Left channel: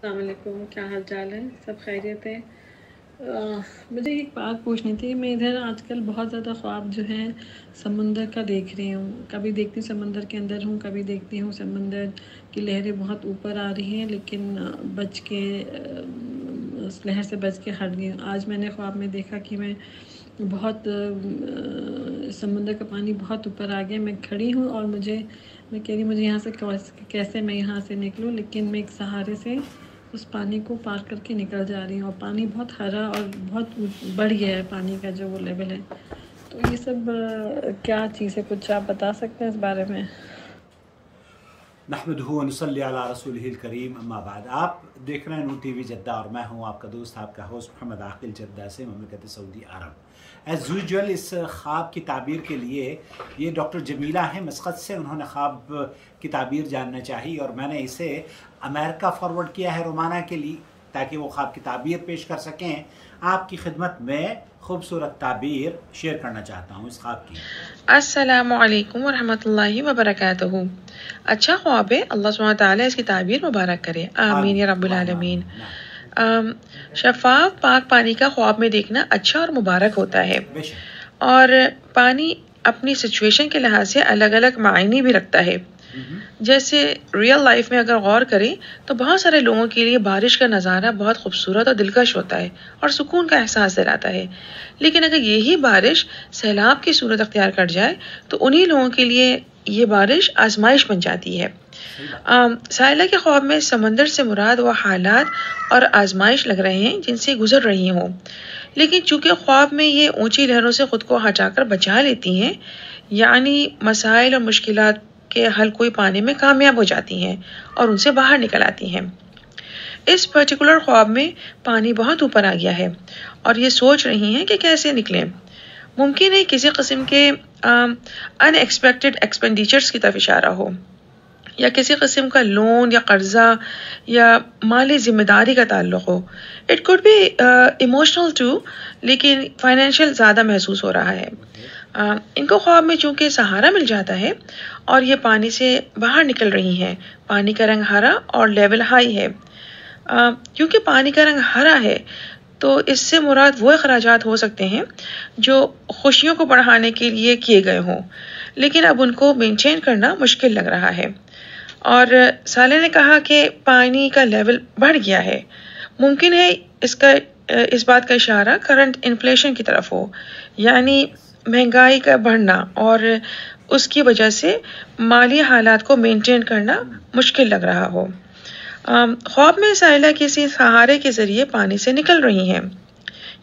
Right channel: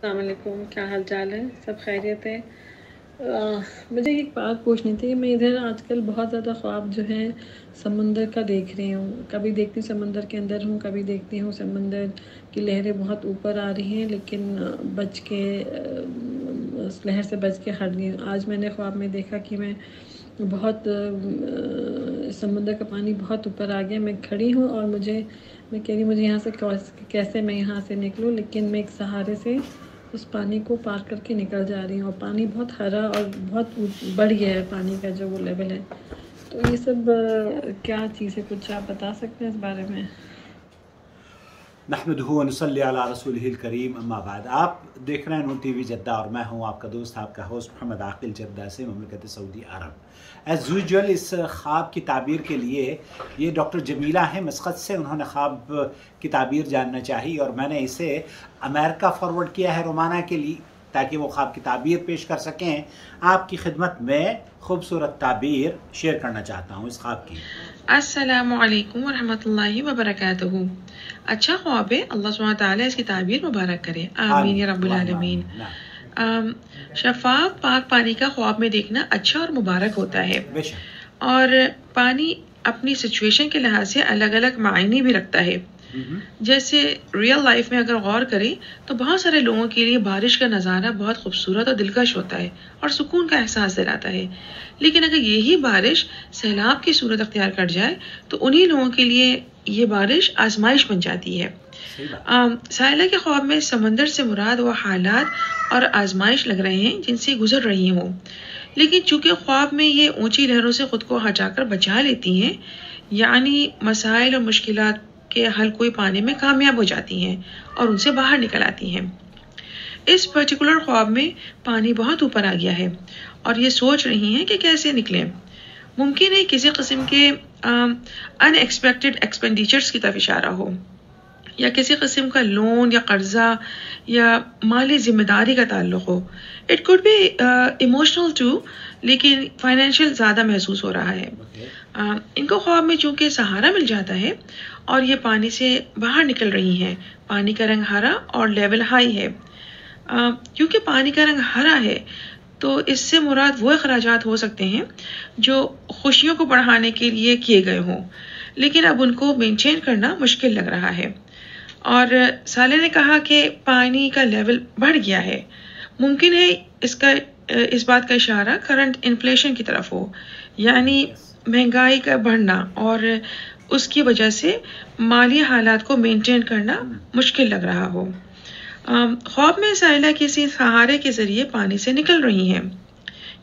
السلام علیکم، کیا حال چال ہے؟ سب خیریت ہے؟ مجھے ایک بات پوچھنی تھی. میں ادھر آج کل بہت زیادہ خواب جو ہیں سمندر کا دیکھ رہی ہوں. کبھی دیکھتی ہوں سمندر کے اندر ہوں، کبھی دیکھتی ہوں سمندر کی لہریں بہت اوپر آ رہی ہیں، لیکن بچ کے اس لہر سے بچ کے ہٹ گئی ہوں. آج میں نے خواب میں دیکھا کہ میں بہت سمندر کا پانی بہت اوپر آ گیا. میں کھڑی ہوں اور میں کہہ رہی مجھے یہاں سے کیسے میں یہاں سے نکلوں، لیکن میں ایک سہارے سے اس پانی کو پار کر کے نکل جا رہی ہوں. اور پانی بہت ہرا اور بہت بڑھ گیا ہے پانی کا جو وہ لیول ہے. تو یہ سب کیا چیز ہے؟ کچھ آپ بتا سکتے ہیں اس بارے میں؟ نحمدہ و نصلی علی رسولہ الکریم، اما بعد. آپ دیکھ رہے ہیں نور ٹی وی جدہ اور میں ہوں آپ کا دوست، آپ کا ہوسٹ محمد عاقل، جدہ سے، مملکت سعودی عرب. ایز یوزول اس خواب کی تعبیر کے لیے یہ ڈاکٹر جمیلہ ہیں مسقط سے. انہوں نے خواب کی تعبیر جاننا چاہی اور میں نے اسے امریکہ فارورڈ کیا ہے، رومانہ کے لیے، تاکہ وہ خواب کی تعبیر پیش کر سکیں. آپ کی خدمت میں خوبصورت تعبیر شیئر کرنا چاہتا ہوں اس خواب کی. السلام علیکم ورحمۃ اللہ وبرکاتہ. اچھا خواب ہے، اللہ سبحانہ تعالیٰ اس کی تعبیر مبارک کرے، آمین یا رب العالمین. شفاف پاک پانی کا خواب میں دیکھنا اچھا اور مبارک ہوتا ہے، اور پانی اپنی سچویشن کے لحاظ سے الگ الگ معنی بھی رکھتا ہے. جیسے ریئل لائف میں اگر غور کریں تو بہت سارے لوگوں کے لیے بارش کا نظارہ بہت خوبصورت اور دلکش ہوتا ہے اور سکون کا احساس دلاتا ہے. لیکن اگر یہی بارش سیلاب کی صورت اختیار کر جائے تو انہی لوگوں کے لیے یہ بارش آزمائش بن جاتی ہے. سائلہ کے خواب میں سمندر سے مراد وہ حالات اور آزمائش لگ رہے ہیں جن سے گزر رہی ہوں، لیکن چونکہ خواب میں یہ اونچی لہروں سے خود کو ہٹا کر بچا لیتی ہیں، یعنی مسائل اور مشکلات کے حل کوئی پانے میں کامیاب ہو جاتی ہیں اور ان سے باہر نکل آتی ہیں. اس پرٹیکولر خواب میں پانی بہت اوپر آ گیا ہے اور یہ سوچ رہی ہیں کہ کیسے نکلیں. ممکن ہے کسی قسم کے ان ایکسپیکٹڈ ایکسپینڈیچرز کی طرف اشارہ ہو، یا کسی قسم کا لون یا قرضہ یا مالی ذمہ داری کا تعلق ہو. It could be emotional too, لیکن فائنینشیل زیادہ محسوس ہو رہا ہے. ان کو خواب میں چونکہ سہارا مل جاتا ہے اور یہ پانی سے باہر نکل رہی ہیں. پانی کا رنگ ہرا اور لیول ہائی ہے. کیونکہ پانی کا رنگ ہرا ہے تو اس سے مراد وہ اخراجات ہو سکتے ہیں جو خوشیوں کو بڑھانے کے لیے کیے گئے ہوں، لیکن اب ان کو مینٹین کرنا مشکل لگ رہا ہے. اور سالے نے کہا کہ پانی کا لیول بڑھ گیا ہے. ممکن ہے اس بات کا اشارہ کرنٹ انفلیشن کی طرف ہو، یعنی مہنگائی کا بڑھنا، اور اس کی وجہ سے مالی حالات کو مینٹین کرنا مشکل لگ رہا ہو. خواب میں سائلہ کسی سہارے کے ذریعے پانی سے نکل رہی ہیں.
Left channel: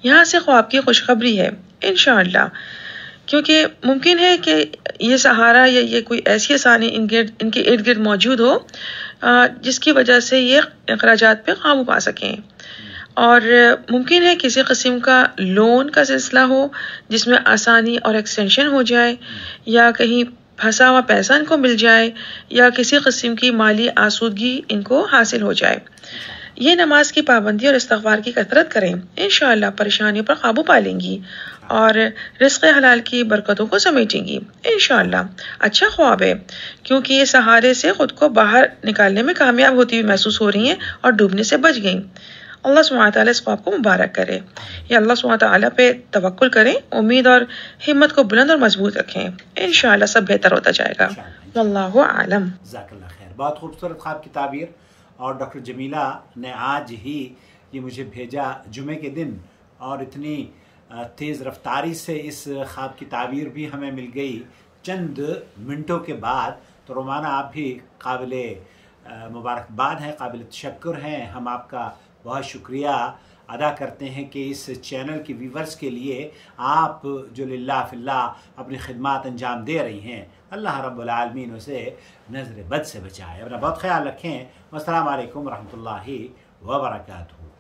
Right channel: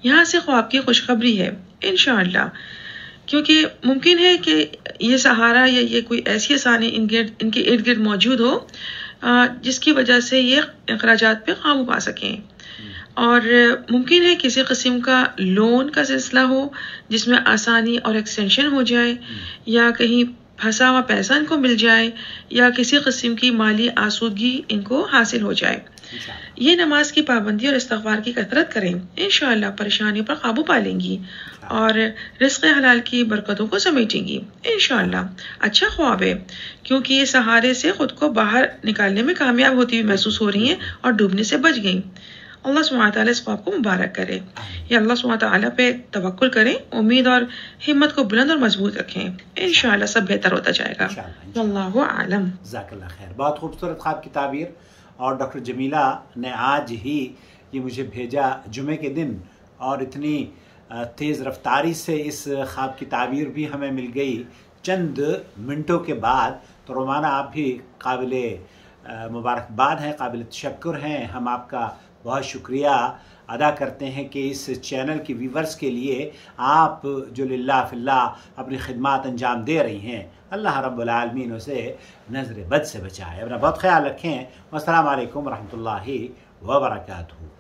یہاں سے خواب کی خوشخبری ہے انشاءاللہ، کیونکہ ممکن ہے کہ یہ سہارا یا یہ کوئی ایسی آسانی ان کے ارد گرد موجود ہو جس کی وجہ سے یہ اخراجات پہ قابو پا سکیں. اور ممکن ہے کسی قسم کا لون کا سلسلہ ہو جس میں آسانی اور ایکسٹینشن ہو جائے، یا کہیں پھنسا ہوا پیسہ ان کو مل جائے، یا کسی قسم کی مالی آسودگی ان کو حاصل ہو جائے. یہ نماز کی پابندی اور استغفار کی کثرت کریں، انشاءاللہ پریشانیوں پر قابو پا لیں گی اور رزق حلال کی برکتوں کو سمیٹیں گی انشاءاللہ. اچھا خواب ہے کیونکہ یہ سہارے سے خود کو باہر نکالنے میں کامیاب ہوتی ہوئی محسوس ہو رہی ہیں اور ڈوبنے سے بچ گئیں. اللہ سبحانہ تعالیٰ اس خواب کو مبارک کرے. یا اللہ سبحانہ تعالیٰ پہ توکل کریں، امید اور ہمت کو بلند اور مضبوط رکھیں، انشاءاللہ سب بہتر ہوتا جائے گا. واللہ اعلم. جزاک اللہ خیر. بہت خوبصورت خواب کی تعبیر، اور ڈاکٹر جمیلہ نے آج ہی یہ مجھے بھیجا جمعے کے دن، اور اتنی تیز رفتاری سے اس خواب کی تعبیر بھی ہمیں مل گئی چند منٹوں کے بعد. تو رومانہ آپ بھی قابل مبارکباد ہیں، قابل تشکر ہیں. ہم آپ کا بہت شکریہ ادا کرتے ہیں کہ اس چینل کی ویورز کے لیے آپ جو للہ فی اللہ اپنی خدمات انجام دے رہی ہیں. اللہ رب العالمین اسے نظر بد سے بچائے. اپنا بہت خیال رکھیں. والسلام علیکم ورحمۃ اللہ وبرکاتہ.